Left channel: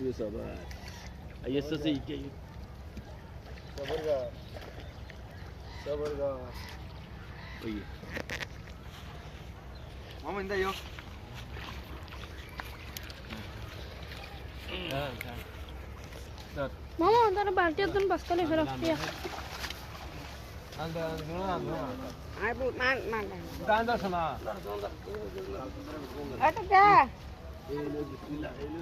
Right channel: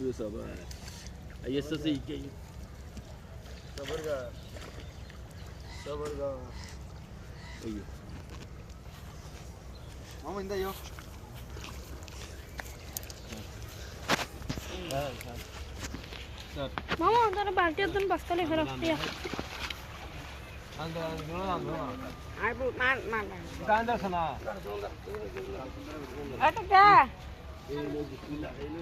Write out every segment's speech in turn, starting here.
শুয়ে সবার আইএসএস এইটাই সবরগা ওই মামা ইন্দা ইয়ো মামা তারা বালতি একদম বস্তালে ফেরত দিয়া আই বু মান মান গান্দা শোনা এটা কে এই লো বিসমিল্লাহ এই লো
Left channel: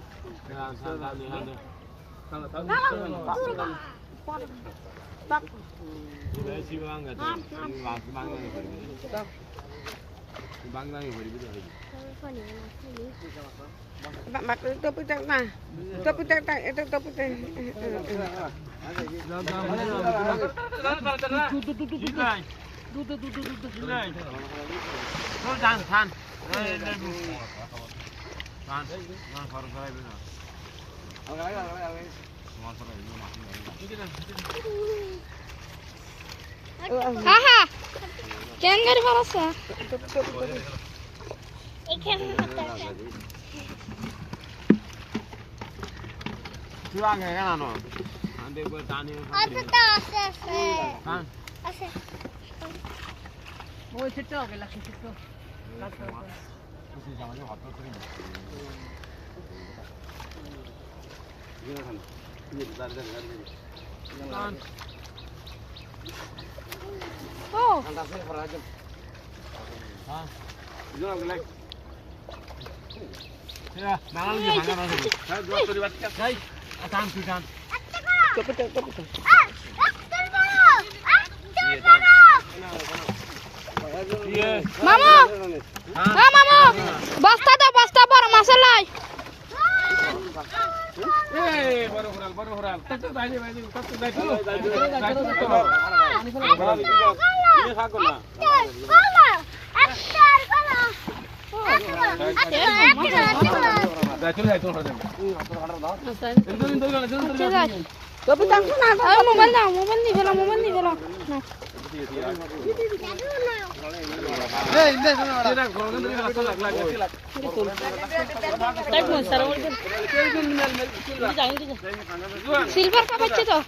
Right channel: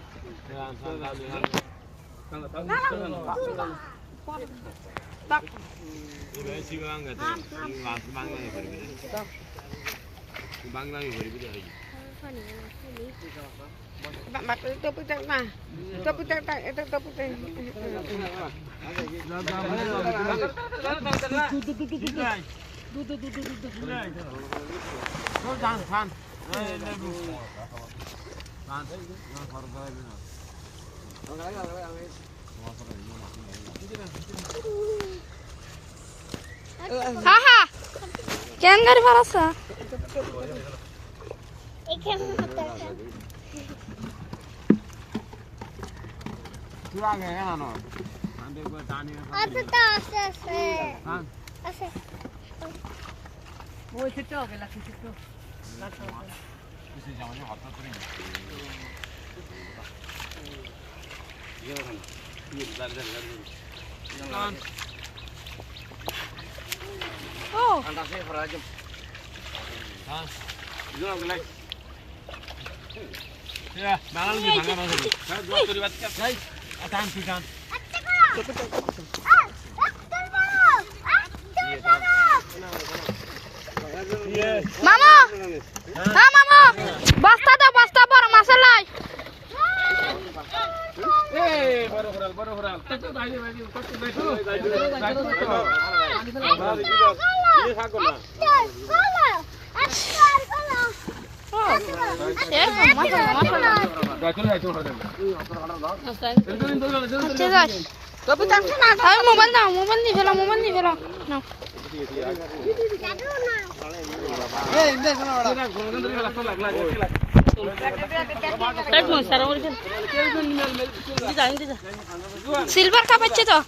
Haha. Jangan gari parasa. Ikan mata. Tuang ya kan ano? Ande buat tani. Ate ta ase. Kan? Ase. Oh, situ ke laki situ. Kusi jamannya hotel kering. Iya kan. Iya, dar. Jangan. Oh. Anda saya berajam. Hah? Itu apa lagi? Ya, malam ni bangun lagi. Saya dua turi batik. Hai, akan tukan. Mama. Ah, mama. Basta bar masalah. baru hural. Tak bayi. Ini sago na. Mobil ni fela. No. Silver ka bacche to.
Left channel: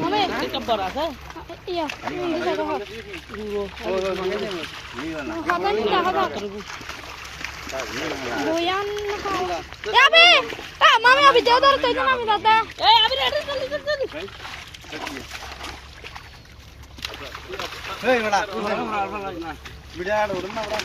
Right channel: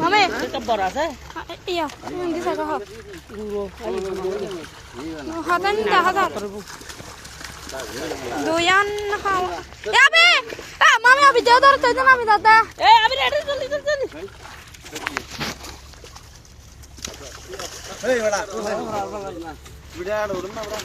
Mame. Iya, ini saja ha. Hadan dah. Doyan khao. Ya be. Mame abhi deo dar to na ami dada. Abhi ready chali. Hey, bada. Video aad odum na bada.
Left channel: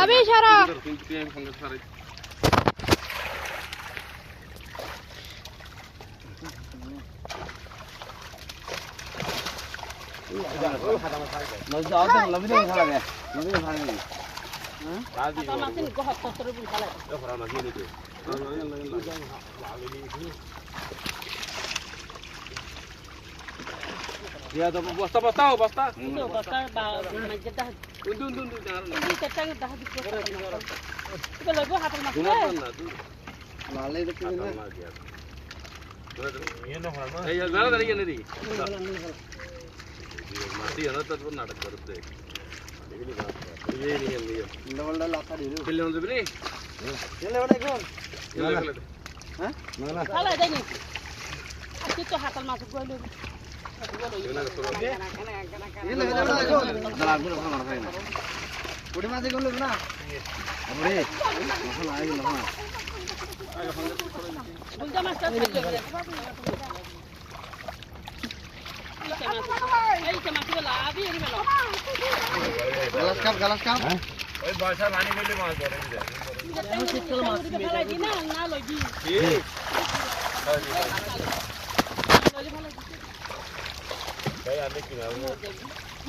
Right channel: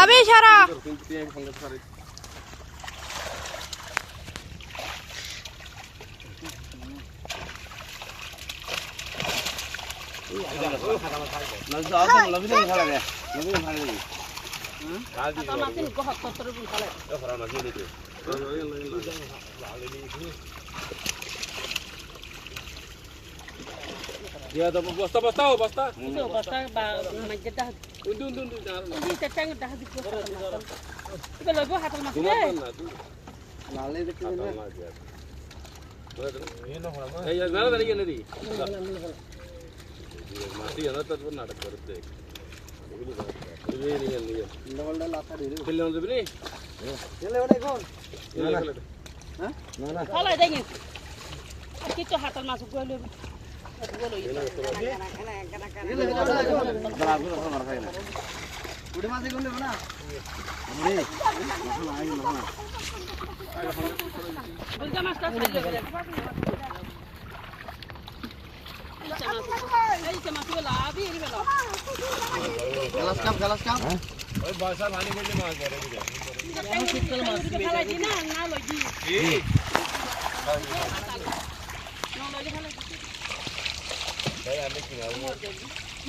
Abhi shara. Ya, dah basta. Basta ba majedah. Undun. Ini cetang dah habis. Itu logo hatal mas. Lale itu ini. Ya, nada dari ini. Mati ana tad pun natak करते. ये नहीं level लापा दे दो खेलने वाले भी नहीं ये level है कौन ये लेवल हां ना Salah jangan. Kita hatal masuk gua lu. ये ना करो ये लेवल है कौन दलाल को रखना है ना उड़े मासे कौन लेना हमरे मखन आए ना Benda mas tak. गलस कम ओए बादशाह लाने के लिए मार दे रहे हैं Yang sikil mas में जाके ना lagi. ठीक saya आने की ना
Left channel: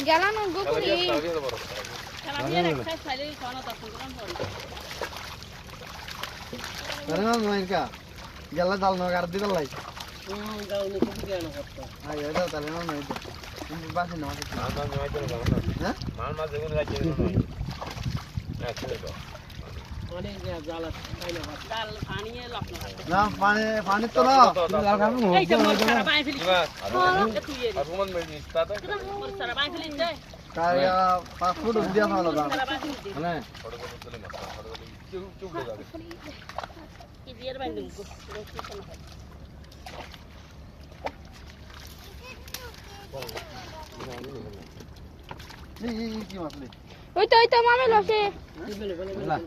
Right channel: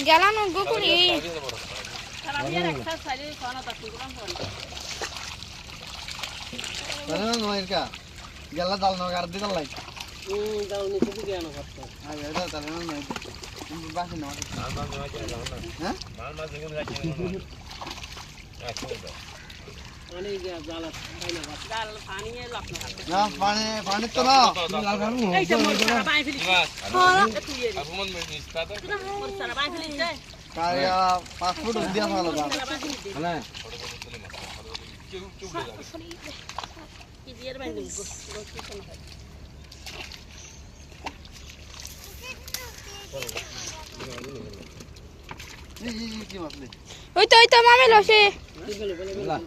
Jalan nunggu kuli. Caranya raksa sari sono tak program pun. करना नहीं क्या जल्ला दाल ना कर दी तो लाई Daun ni kubi dia nak apa? आयो दा तले ना नहीं बात ना मां नहीं आते ना हां मां मां देखो ना चाहिए ना या चलो অনেক জাল আছে তাই না জাল পানি এলো আপনার না পানি তো না লাল খাবো এই যে পানি ফেলি Argument में नहीं आता সারা পানি ফেলি দে কারিয়া 5 ফুট দিয়া ভালো দাম थोड़ा बहुत तो नहीं मत चुप ले जा কি দিয়ে বাইরে এই কি মাছলি ওই তো মামি লসে না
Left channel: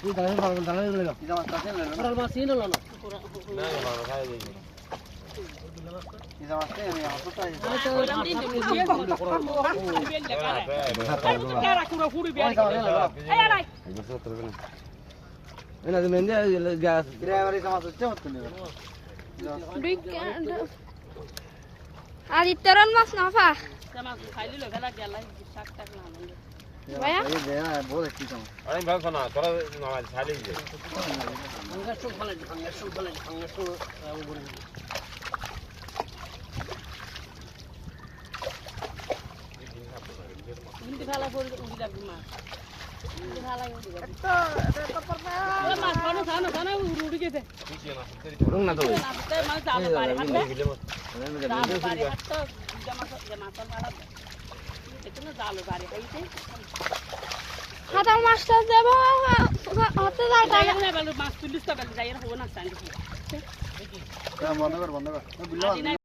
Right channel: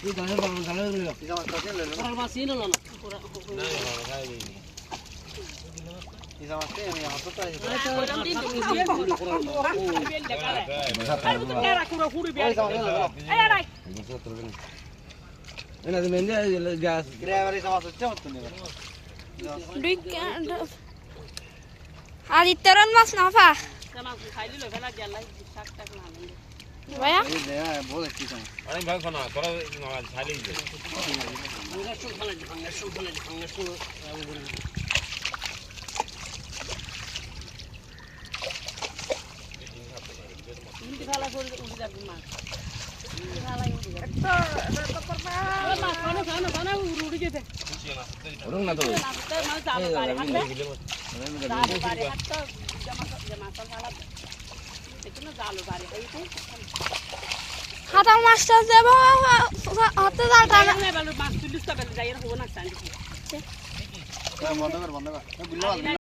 তুই দাঁড়াবে পারবে দাঁড়াবে বলে কি মাছ আছে না আর মাছ নিয়ে নাও ना बाबा खाए भी কি মাছ আছে আমি আমার তো তাই Ini ada mendi gas. Driver এই মাছ হচ্ছে মত নেবে আর ইতরন মাছ না ফা মাছ খাইলি লো ফেলা গেল শাক টাক না ভাইয়া এই দে বলে কি মাছ Ani bang sana, kora nama chali je. ভাঙা শুল ফেলা ভাঙা শুল কিন্তু ফেলা করে উড়ে যাবে মাছ ফেলা উড়ে যাবে মাছ খানো উড়ে গেছে Urung na to. মাছ জাল পারে Ini gile mas. জাল পারে তো জামা ফেলা এখানে জাল পারে হইতো হাতা মাছটা যাব হাতে জাল টানা মাছ তুলিস তো যাই না হবো না স্ট্যান্ড বন্ধ কর বুঝলো